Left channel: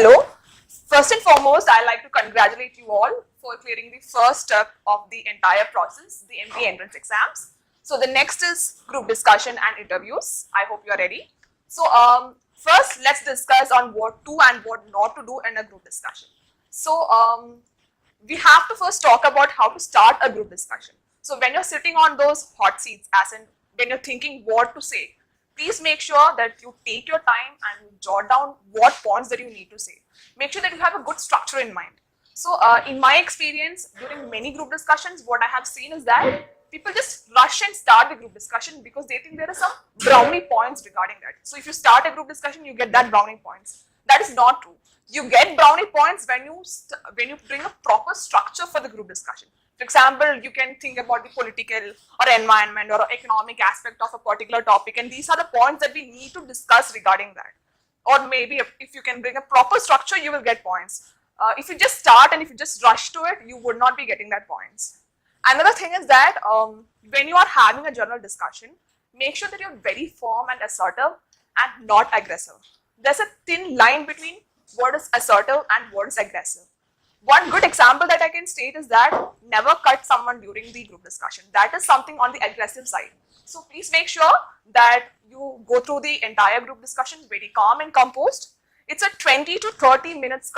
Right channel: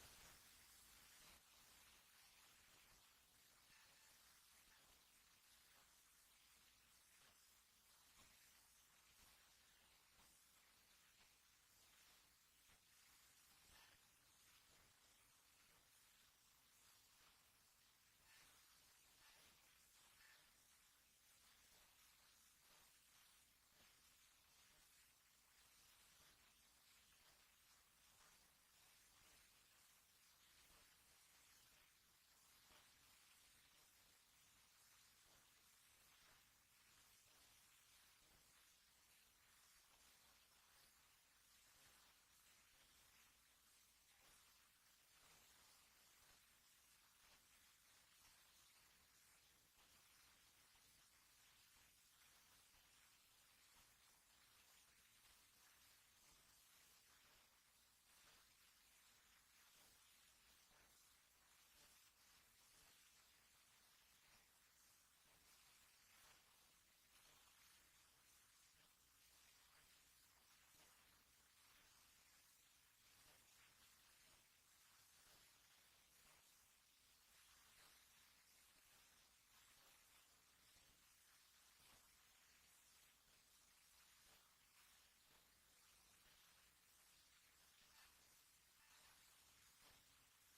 Hello. First and foremost, I'd like to congratulate you all for clearing the first step of the entire process, the MBA entrance exams. So the next is group discussion and interviews. I hope you are ready. So first, let's discuss on what to and what not to do in a group discussion. So we have to first talk about how to start a group discussion. So when you're sitting on those hot seats, as in when you're thinking what to say, please make sure that you take your time and jot down what points that you need to say. Make sure that you have a good structure in mind. So in my experience, during many group discussions, what I have seen is that people just rush and start the group discussion because they think there are some brownie points regarding that. So if you start a group discussion, you get that brownie points. That is not true. You get brownie points when you bring a proper structure for the group discussion. For example, you can think about the political or environment or economic aspect of a particular topic, and these are the points that we need to discuss regarding that. Or maybe if you can bring a proper structure, you will get points. If you just start and if you just rush to it, you would not be getting that points. Another thing is that when you are having a general discussion, make sure that you're very firm and assertive and not aggressive. There's a thin line between what is assertive and what is aggressive. One good example that I can state is that never cut someone during the group discussion. That is something on the aggressive side. So please make sure that you go through the entire group discussion very calm and composed. It's a 20 to 30 minutes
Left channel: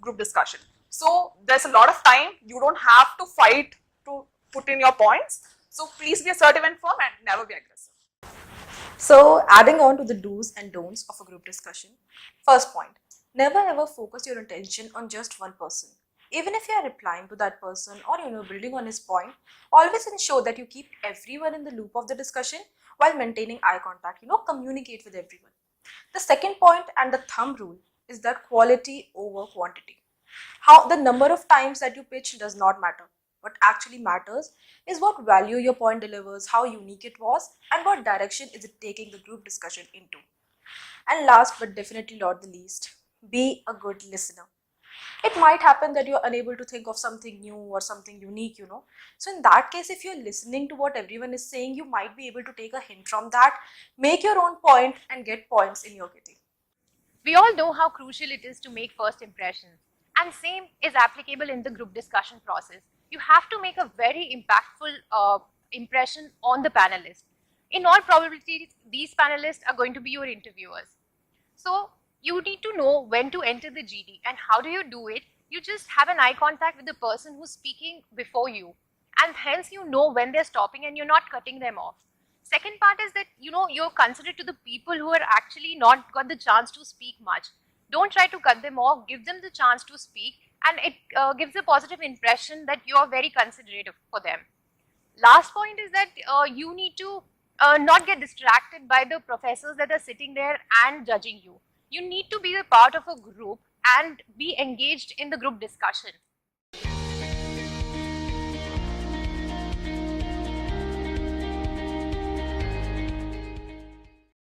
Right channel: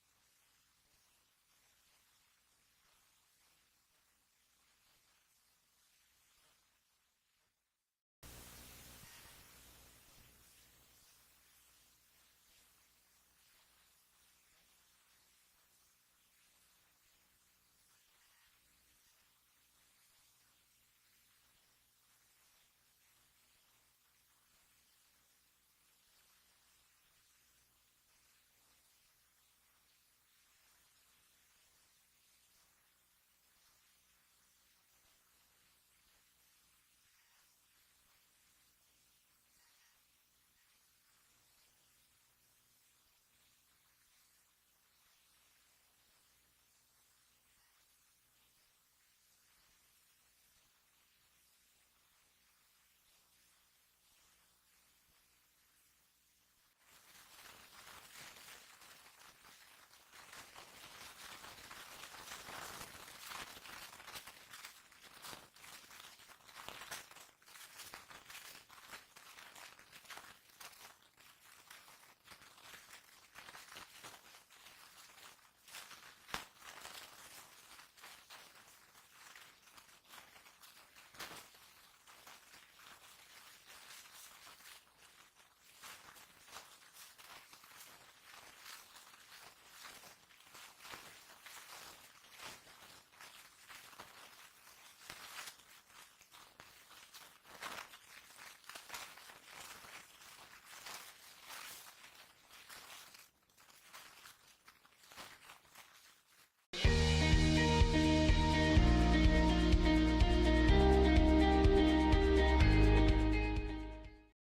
group discussion. So there's a lot of time. You don't have to fight to put in your points. So please be assertive and firm and never be aggressive. So, adding on to the do's and don'ts of a group discussion. First point, never ever focus your attention on just one person. Even if you are replying to that person or building on his point, always ensure that you keep everyone in the loop of the discussion while maintaining eye contact. Communicate with everyone. The second point and the thumb rule is that quality over quantity. How the number of times that you pitch does not matter. What actually matters is what value your point delivers, how unique it was, and what direction is it taking the group discussion into. And last but definitely not the least, be a good listener. It might happen that you're unable to think of something new or something unique. So in that case, if you're listening to what everyone is saying, you might be able to take a hint from that, make your own point and get points in your kitty. We all know how crucial it is to make first impressions, and same is applicable in the group discussion process. You have to make a very impactful impression on the panelists. In all probability, these panelists are going to be your interviewers. So you need to know when to enter the GD, and how do you do it? You just have an eye contact with the person who's speaking before you, and hence you know when they're stopping and you're not cutting them off. Second part is that you're considerate to the people who are actually not got the chance to speak much. Don't try to cut them off, give them the chance to speak, and it gives a positive impression that you're very considerate for them. Last point is that you need to not get distracted by the professors that are sitting there and judging you. You need to be a part of a group and be engaged in the group discussion.